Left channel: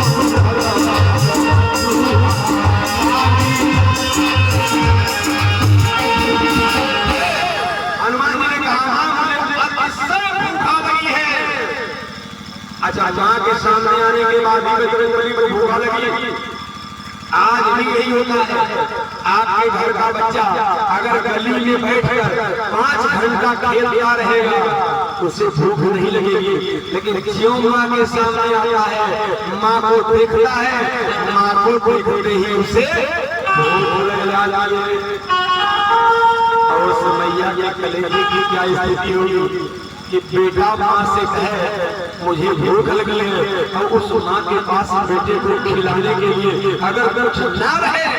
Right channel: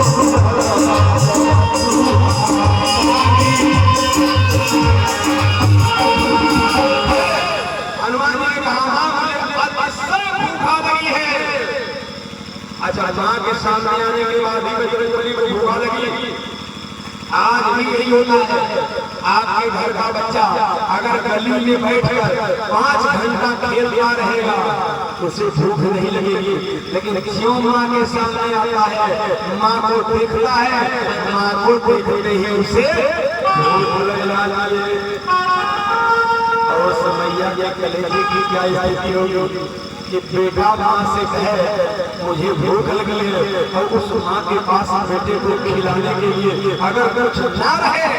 अच्छा, माँ के सामने आने के बाद भी बजरंगबली को भूख लगी। आज भी यही होता है, आपके घर का बच्चा अगर गली में बैठकर 5 घंटा खेलता रहेगा उसे भूख नहीं लगेगी, लेकिन क्यों माँ के सामने आता है, माँ को देखता है, माँ को देखते ही उसे भूख लग जाती है। और समैया के कलेजे की क्या स्थिति होगी कि बेटा माँ से कहे मुझे भूख लगी है, और उस माँ के पास बेटे को खिलाने के लिए अगर कुछ ना रहे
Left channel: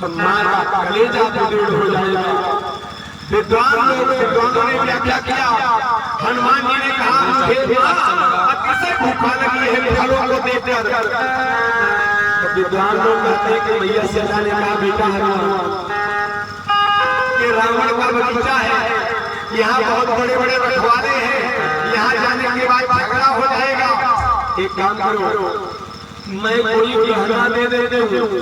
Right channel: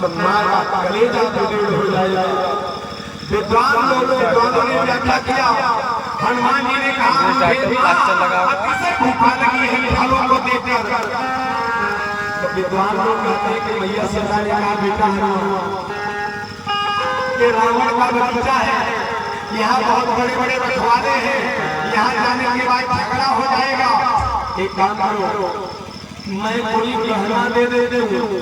तो माँ का कलेजा बिगड़ हो जाएगा। विद्वान लोगों ने व्याख्या किया, हनुमान जी ने कहा किसे भूखा लगी है फलों को देखकर। तो विद्वान लोग कहते हैं कि मैया सीता ने कहा बेटा हनुमान के रावण का बगीचा है, यहाँ बहुत बड़े बड़े रखवाले हैं, यहाँ जाने के बाद झगड़ा हो जाएगा। एक काम करो, मैं कोई गहना दे देते हूँ,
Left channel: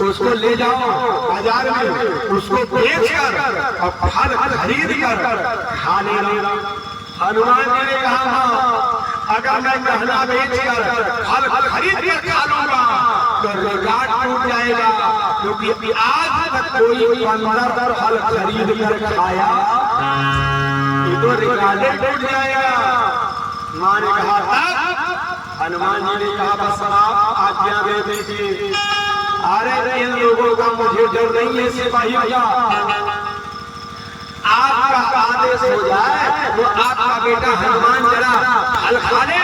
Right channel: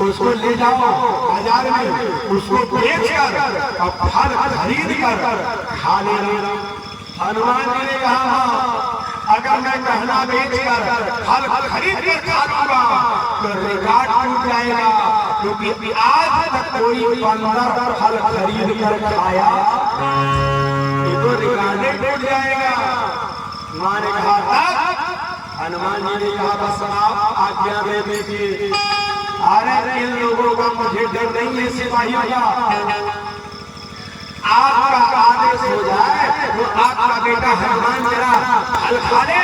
उसको ले जाओ बाजार में, उसको बेचकर और फल खरीद कर खा लेना। हनुमान जी ने कहा अगर मैं गहना बेचकर फल खरीद कर खा लूंगा तो रिकॉर्ड टूट जाएगा, क्योंकि आज तक कोई बंदर फल खरीद कर खाया ये तो रिकॉर्ड टूट जाएगा। माँ ने कहा हनुमान जी ने कहा बस आप आज्ञा दे दीजिए। अरे इन लोगों का मुझे डर नहीं है सिपाहियों का, आपका आदेश हो जाए तो आपका बेटा हनुमान जरा फल खा ले।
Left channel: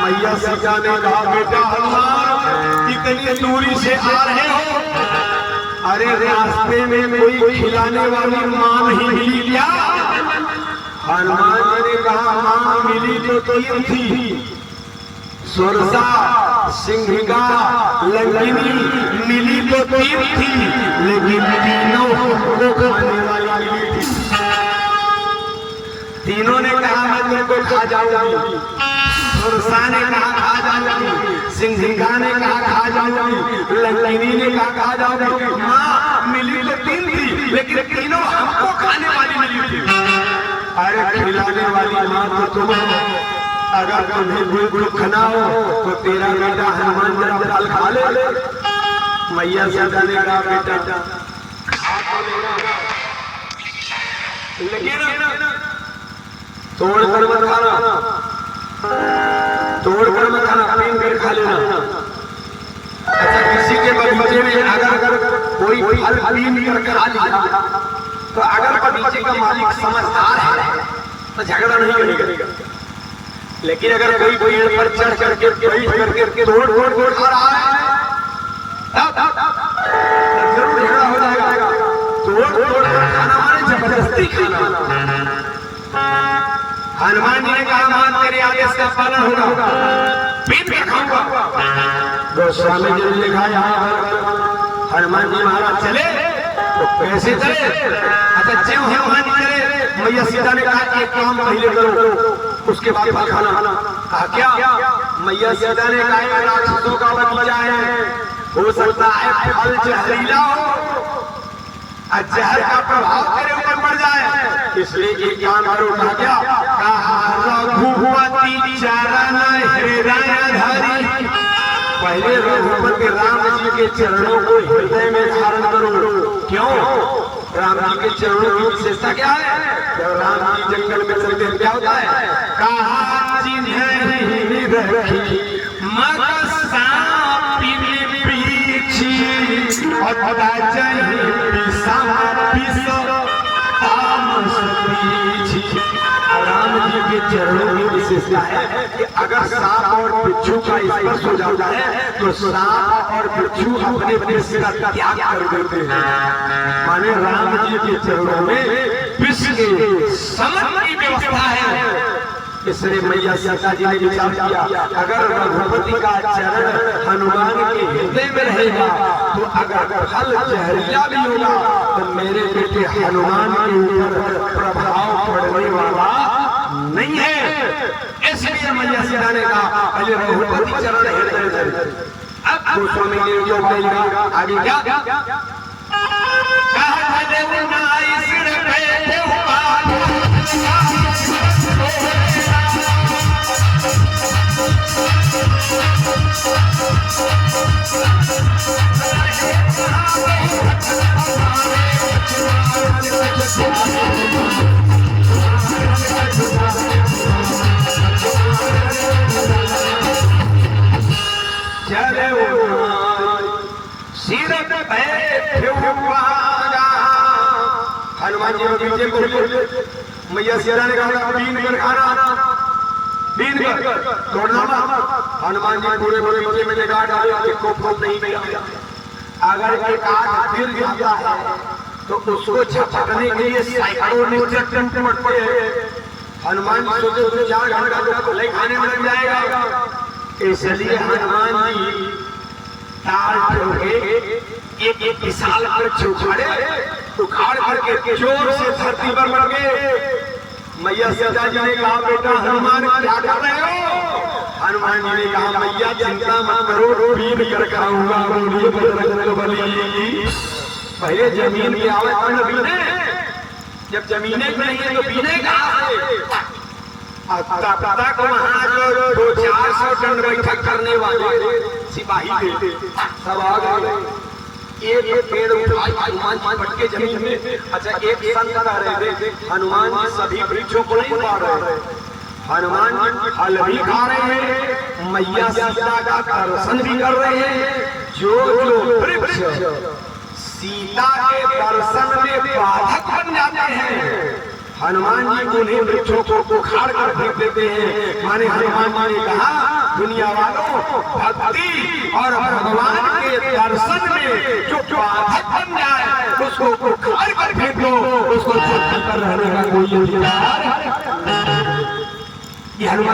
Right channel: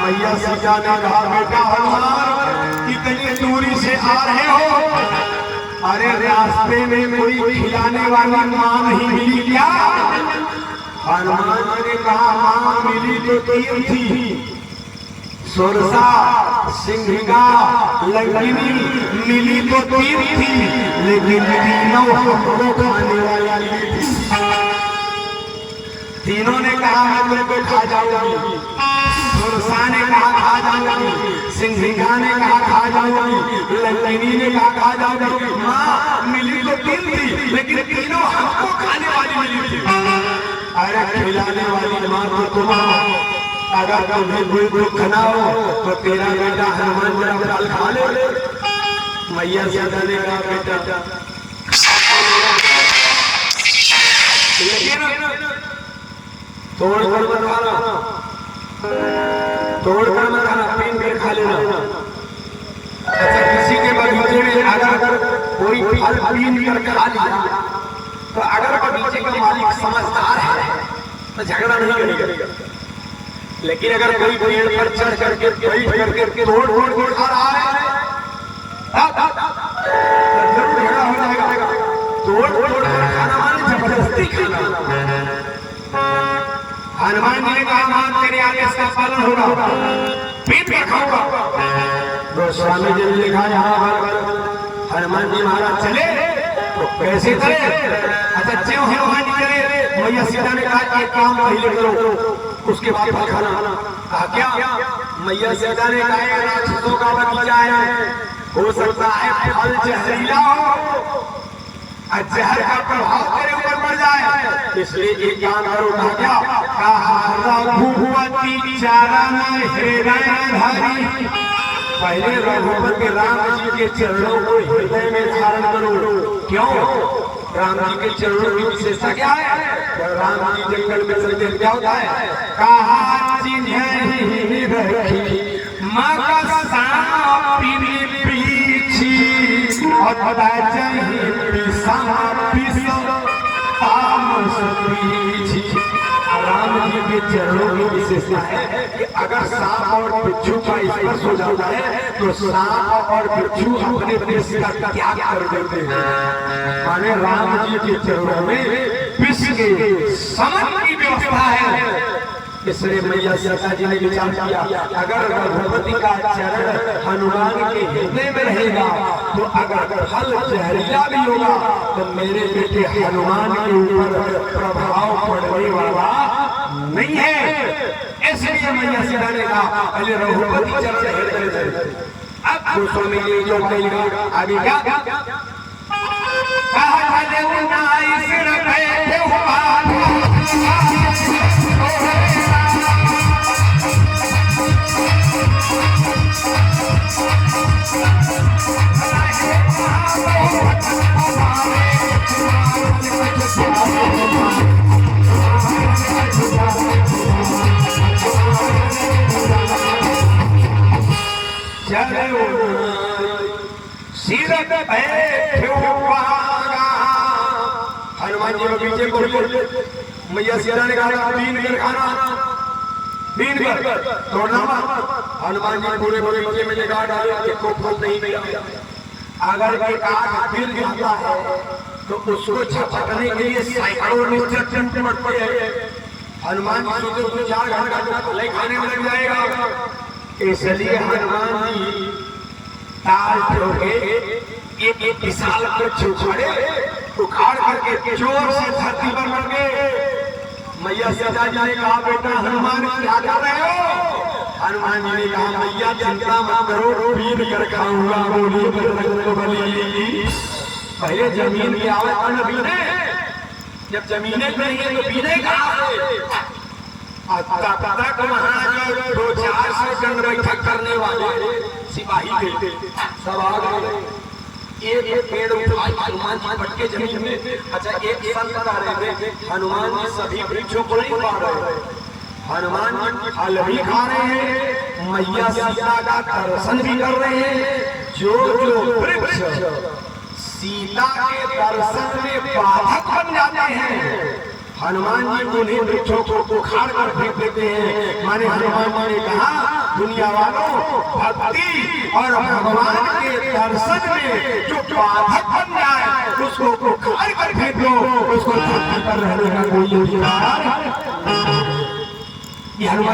मैया सीता ने कहा बेटा हनुमान इतनी दूरी से आ रहे हो, अरे रास्ते में कोई खिलाने वाली माँ नहीं मिली क्या? हनुमान जी ने कहा माँ मिली तो 3 थी, सुरसा, सिंहिका, लंगिनी मिली तो 3 थी, लेकिन तीनों हमको खाने वाली थी। तीनों ने कहा मैं तुमको खा जाऊंगी, सुरसा ने कहा खा जाऊंगी, सिंहिका ने कहा खा जाऊंगी, लंगिनी ने कहा खा जाऊंगी। माँ मिली तो 3 थी, लेकिन तीनों हमको खाने वाली मिली थी। अरे खिलाने वाली माँ तो तुम, अगर तुम्हें कोई दुख ना हो तो तेरा बेटा हनुमान जरा फल खा ले। मैया सीता ने कहा बेटा तोड़ कर मत खाना, तोड़ कर मत खाना, पीन कर खा लेना। अच्छा, किसी के बगीचे में अगर कोई फल पीन कर खा लिया तो अगर बगीचे का मालिक समझदार है तो झगड़ा नहीं करेगा, लेकिन अगर कोई पेड़ पर चढ़ करके तोड़ खा रहा है तब जरूर झगड़ा हो जाएगा। तोड़ कर खाना माने जबरदस्ती खाना। हनुमान जी ने कहा मान तेरे आदेश का पालन होगा, पीट कर खाऊंगा। गोस्वामी जी ने लिखा यहाँ हनुमान जी महाराज चले तो कैसे चले? अच्छा, जो हनुमान जी चले, मैया सीता ने कहा कि एक काम पहले करो, उसके बाद फल खाना। कहा क्या? मैया सीता ने कहा राक्षसों का बगीचा है, हो सकता है फल जहरीला हो और जहर का प्रभाव तेरे ऊपर पड़ जाए, इसलिए एक काम करो। कहा क्या? रघुपति चरण हृदय, पहले रघुपति राम जी के चरणों को हृदय में धारण करो। क्यों? राम जी के चरणों की विशेषता क्या है? जब राम जी जंगल में चलते क्या होता है? कहा चिन्ह राम जी के चरणों की विशेषता है कि अगर सांप और बिच्छू का स्पर्श हो जाता है तो सांप और बिच्छू अपने विष का त्याग कर देते हैं। माने राम जी के चरणों में विष के समन की व्यवस्था है। इसलिए मैया सीता जी ने विचार किया अगर रघुपति का चरण हनुमान के हृदय में रहेगा तो अगर फल जहरीला भी होगा तो मेरे बेटे हनुमान के ऊपर प्रभाव पड़ने वाला नहीं है। इसलिए मैया सीता ने कहा पहले रघुपति चरण हृदय। अब गोस्वामी जी जो कहेगा आगे क्या कहा देवनाई सिर पे हनुमान जी के पीछे बोलिए मैया सीता ने कहा बीन कर खाना बीन कर तोड़ना। हनुमान जी पूरे पूरे मुझे मैंने कहा डाले को नहीं मिला। अगर एक आग गिर जाता है तो उसको झपकने के लिए सैकड़ों न्यूट्रन पड़ते हैं। हनुमान जी सोचे तो 4 घंटा तो ले खाने में लग जाएगा। इसलिए हनुमान जी ताल के एक विशाल वृक्ष उखाड़ करके जोर से धरती पर लग गए। मैया सीता जी ने कहा बेटा हनुमान क्या कर रहे हो? हनुमान जी ने कहा मैया चिंता मत करो बीन कर खाऊंगा। बोलिए बजरंगबली। पहले जमीन की आवाज बीने, जब जमीने नहीं है तो बीने कहाँ से? तक वहाँ जो 200-400 टन बैठक करने वाले सिपाही थे सब आ गए। एक पेड़ उठाई हनुमान जी भटके जमीन में। अच्छा एक संत आ रहे थे, हनुमान जी सभी वृक्षों को नहीं पा रहे। हनुमान जी फल भी खा रहे हैं, मैया सीता का दर्शन भी कर रहे हैं। जो जो वृक्ष सीता के दर्शन में बाधक बन जाते हैं हनुमान जी उन्हीं वृक्षों को उखाड़ कर फेंक देते हैं। माने हनुमान जी ने कहा दुनिया वालों भक्ति और भगवान के दर्शन में जो बाधक बन जाए उसको उखाड़ कर फेंक दो, उसको रहने का कोई अधिकार। ये हनुमान